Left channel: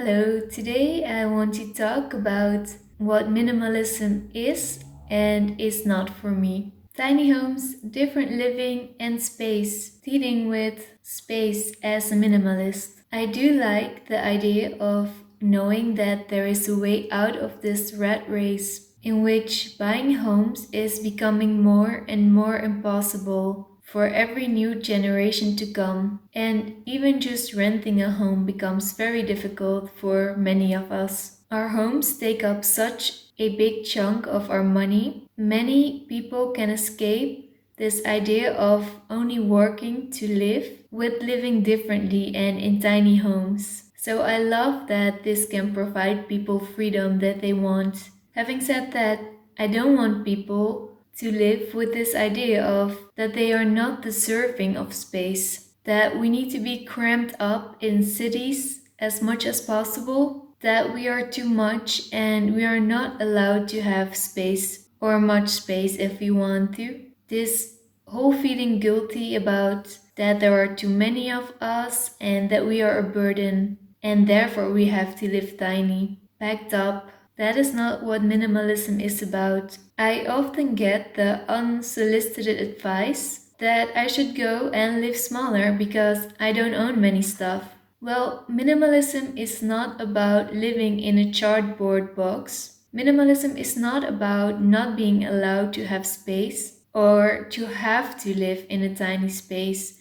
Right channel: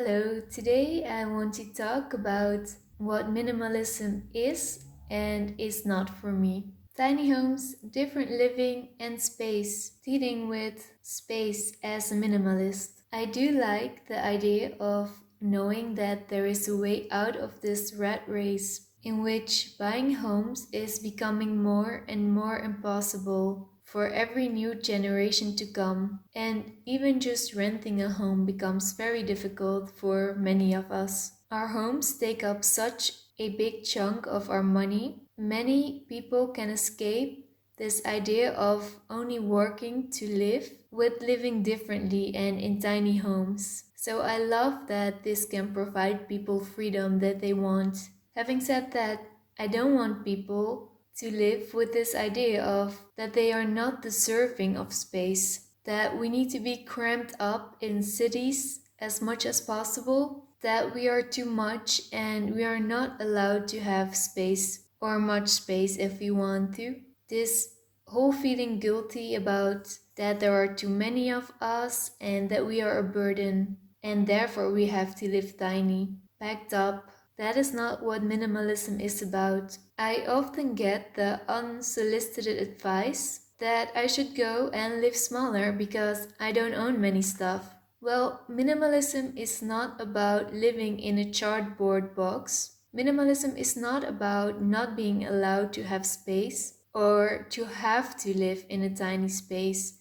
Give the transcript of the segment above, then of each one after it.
Hello, today I want to talk about what minimalism is and is not for me. Tiny homes, different living and space, dealing with space as a minimalist. I do like the idea of knowing that there is a way out of this rat race in which buying homes is becoming more and more impossible for every new generation to come, and even just renting a home becomes very difficult for many of us. Our homes take up such a big chunk of our money. Many people can escape this idea of only working to live with living differently and in tiny homes. So I love that this can provide people freedom that they want. Having said that, I don't want people to live with this idea of that they are not deserving of space, that we need to be cramped up in cities as much as possible, that we are too much and we are not allowed to have space or much space if we want to. This whole feeling guilty about that there are too many of us and that we are a burden and therefore we have to live tiny, packed up. That is not what minimalism is about. I often get the unsolicited advice that I should go and live smaller because I don't own many stuff. Well, minimalism is not about living in a cardboard box. Minimalism is not about not being allowed to have space or to have to live in a tiny space.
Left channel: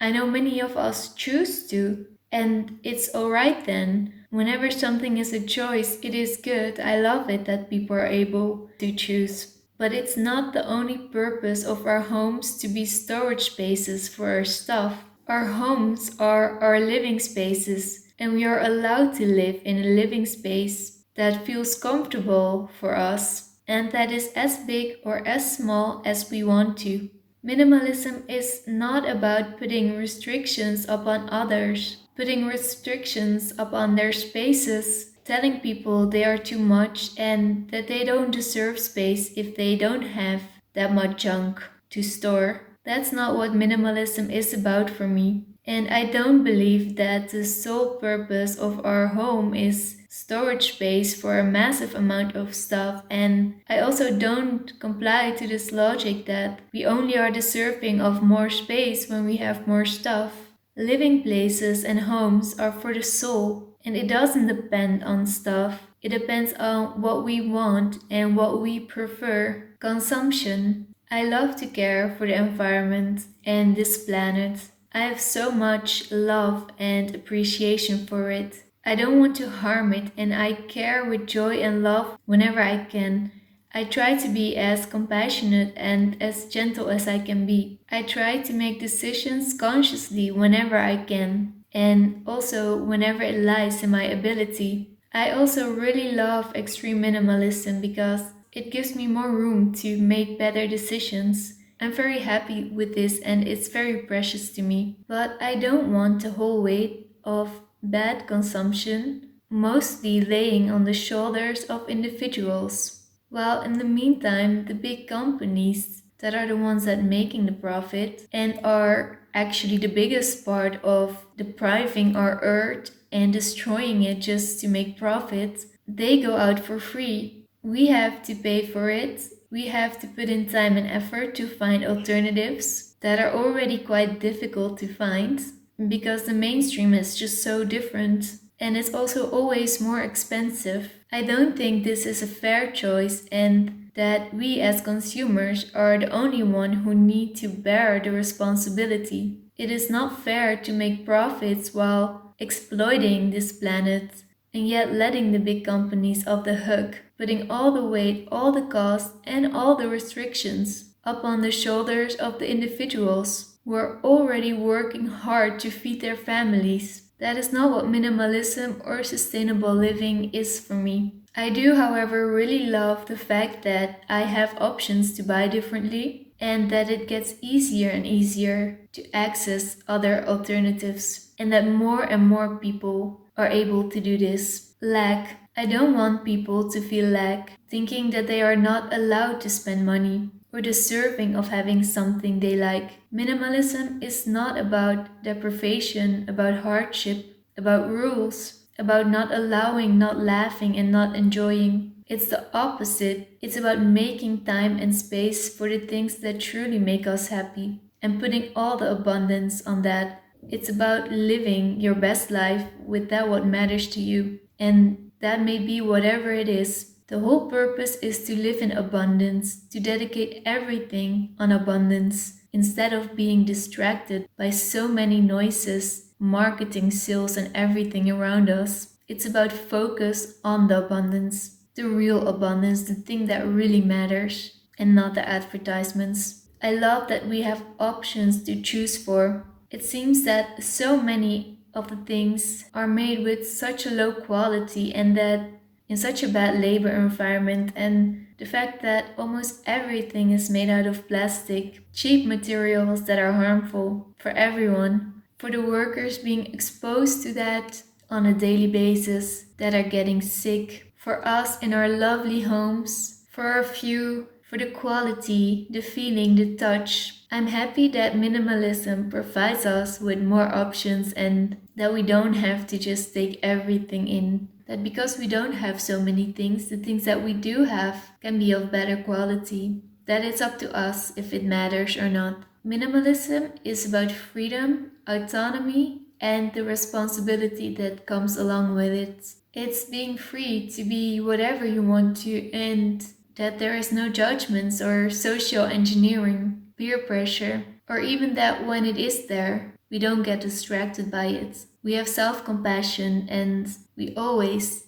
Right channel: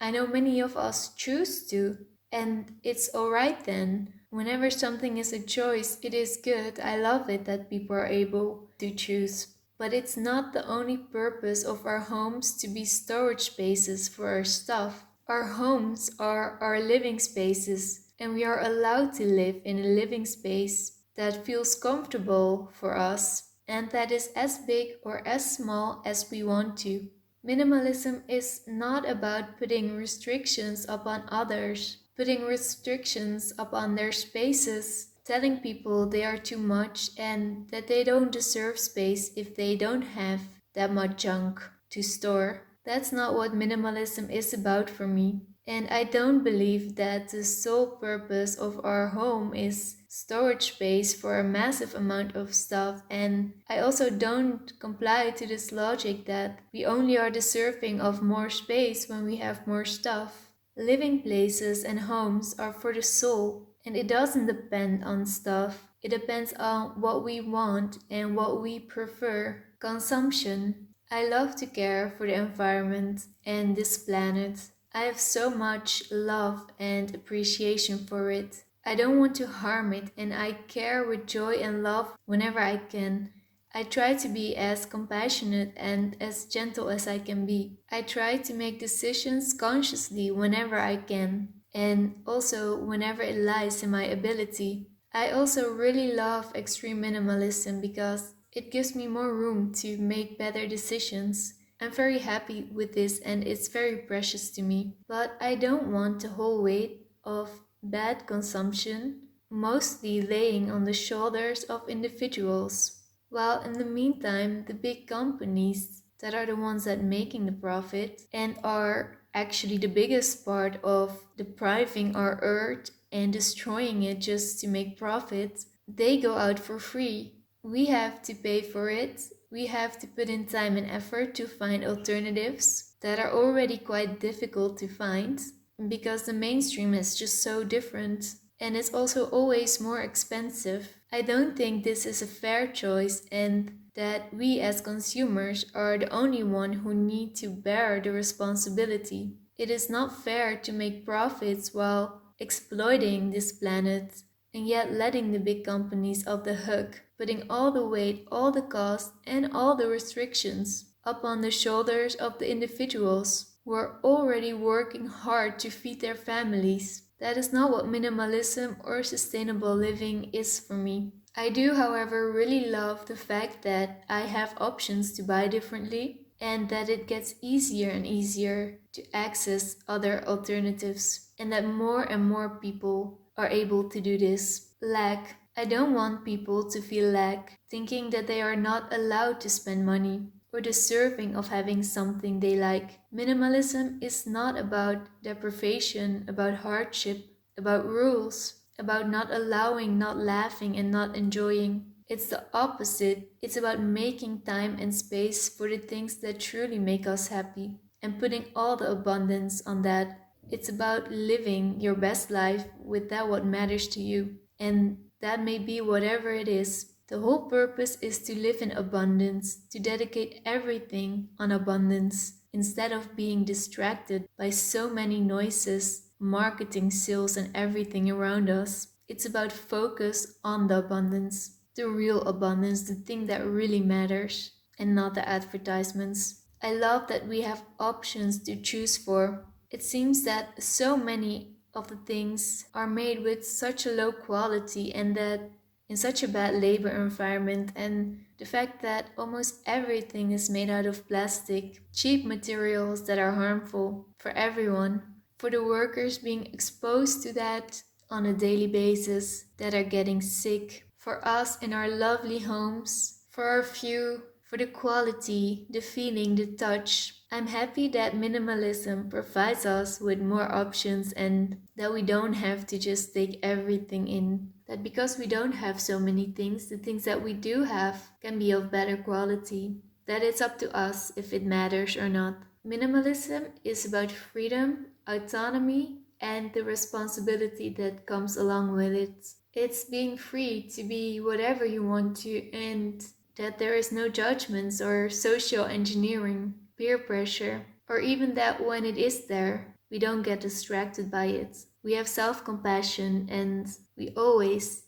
I know many of us choose to, and it's alright then. Whenever something is a choice, it is good. I love it that people are able to choose. But it's not the only purpose of our homes to be storage spaces for our stuff. Our homes are our living spaces, and we are allowed to live in a living space that feels comfortable for us and that is as big or as small as we want to. Minimalism is not about putting restrictions upon others, putting restrictions upon their spaces, telling people they are too much and that they don't deserve space if they don't have that much junk to store. That's not what minimalism is about for me. And I don't believe that the sole purpose of our home is storage space for a massive amount of stuff. And I also don't comply to this logic that we only are deserving of more space when we have more stuff. Living places and homes are for the soul, and it doesn't depend on stuff. It depends on what we want and what we prefer. Consumption. I love to care for the environment and this planet. I have so much love and appreciation for it. I don't want to harm it and I care with joy and love whenever I can. I try to be as compassionate and as gentle as I can be. I try to make decisions consciously whenever I can, and also whenever it lies in my ability. I also really love extreme minimalism because it gives me more room to make better decisions. I'm very happy with this and it's very precious to me. But I don't want the whole weight of bad consumption mostly laying on the shoulders of individuals. While in the meantime, the big companies that are the ones that making the profit and are actually the biggest part of depriving our earth and destroying it just to make profit, they go out for free. We have to pay for it. We have to put in time and effort to find alternatives that are already quite difficult to find because the mainstream is just so different and it's also always more expensive. I don't think this is a fair choice and that we as consumers are the only one who need to bear the responsibility. It is not fair to make profits while exploiting this planet and yet letting the big companies off the hook, putting all the weight, all the cost, and all the restrictions upon the shoulders of the individuals who are already working hard to feed their families. That is not what minimalism or sustainable living is for me. I do, however, really love the fact that I have options to buy differently and that it gets easier and easier to access other alternatives and that more and more people are able to do this. Lack. I don't want people to feel lack, thinking that they are not allowed to spend money or deserving of having something they like. Minimalism is not about deprivation, about hardship, about rules. about not allowing, not laughing, and not enjoying. It's the opposite. It's about making time and space for the things that truly make us happy and putting all the abundance on that. It's about living your best life with that what matters to you. And that may be whatever it is. The whole purpose is to live in abundance, to dedicate everything on abundance, instead of being distracted by so many noises, marketing, sales, and everything around us. It's about focus on the abundance, the real abundance, the thing that really matters, and not the advertisements. I love that we have options to choose for. It seems that so many of the things are made with such a low quality and that in such a bad labor environment, and the fact that almost everything is made out of plastic, cheap materials that are harmful for everyone, for the workers being exposed to that on a daily basis that are getting sick, for us in our lovely homes, for our view, for the quality, the feeling, the touch. I'm happy that minimalism provides us with more options and that we don't have to just take everything in. That because we don't have so many things, the things that we do have can be of better quality. That it's up to us if it matters or not. Minimalism is about freedom, autonomy, and the responsibility that comes along with it. It's being free to be whatever you want to, and that there is no judgments or social engineering, peer pressure, or even that when it is there, we don't get distracted by it. We have self compassion and we always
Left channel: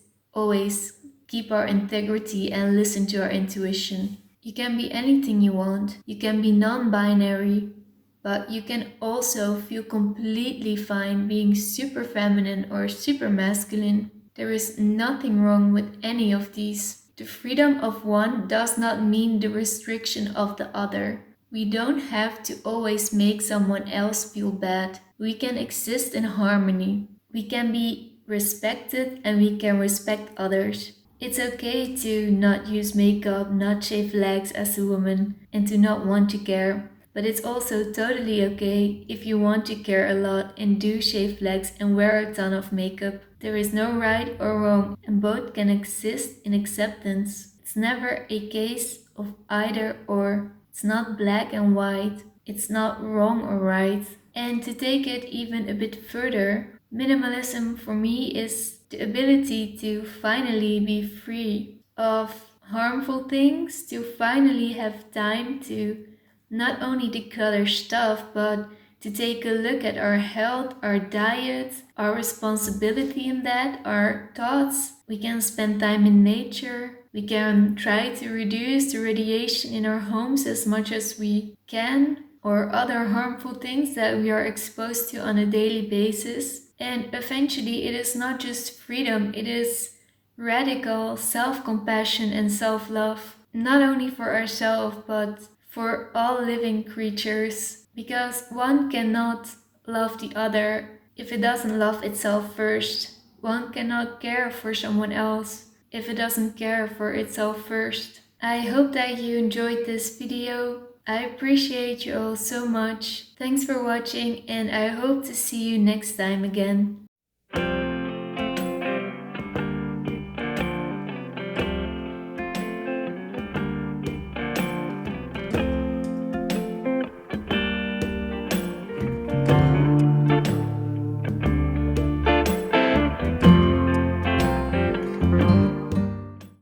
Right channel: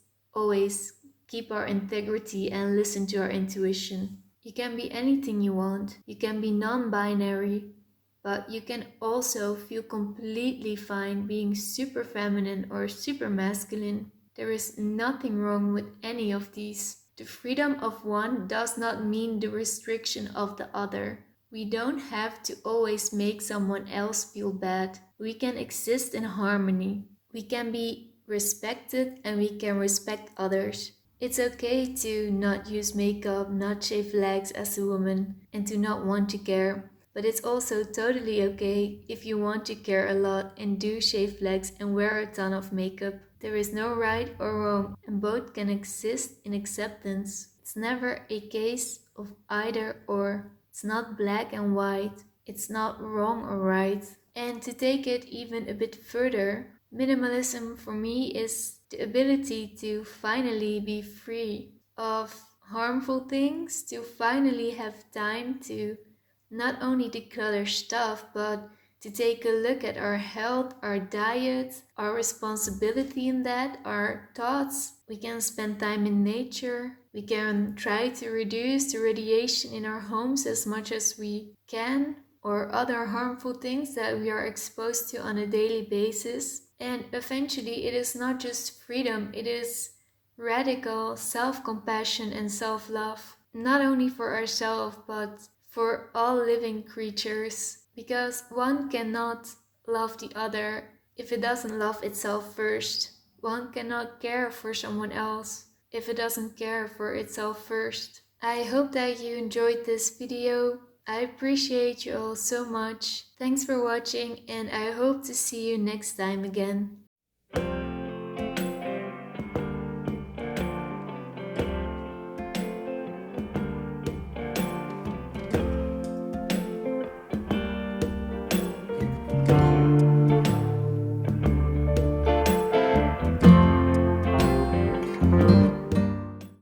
keep our integrity and listen to our intuition. You can be anything you want, you can be non binary, but you can also feel completely fine being super feminine or super masculine. There is nothing wrong with any of these. The freedom of one does not mean the restriction of the other. We don't have to always make someone else feel bad. We can exist in harmony. We can be respected and we can respect others. It's okay to not use makeup, not shave legs as a woman, and to not want to care. But it's also totally okay if you want to care a lot and do shave legs and wear a ton of makeup. There is no right or wrong, and both can exist in acceptance. It's never a case of either or. It's not black and white. It's not wrong or right. And to take it even a bit further, minimalism for me is the ability to finally be free of harmful things, to finally have time to not only declutter stuff, but to take a look at our health, our diet, our responsibility in that, our thoughts. We can spend time in nature. We can try to reduce the radiation in our homes as much as we can, or other harmful things that we are exposed to on a daily basis. And eventually, it is not just freedom, it is radical self compassion and self love, not only for ourselves, but for all living creatures, because one cannot love the other if it doesn't love itself first. One cannot care for someone else if it doesn't care for itself first. I hope that you enjoyed this video. I appreciate you all so much. Thanks for watching and I hope to see you next time again.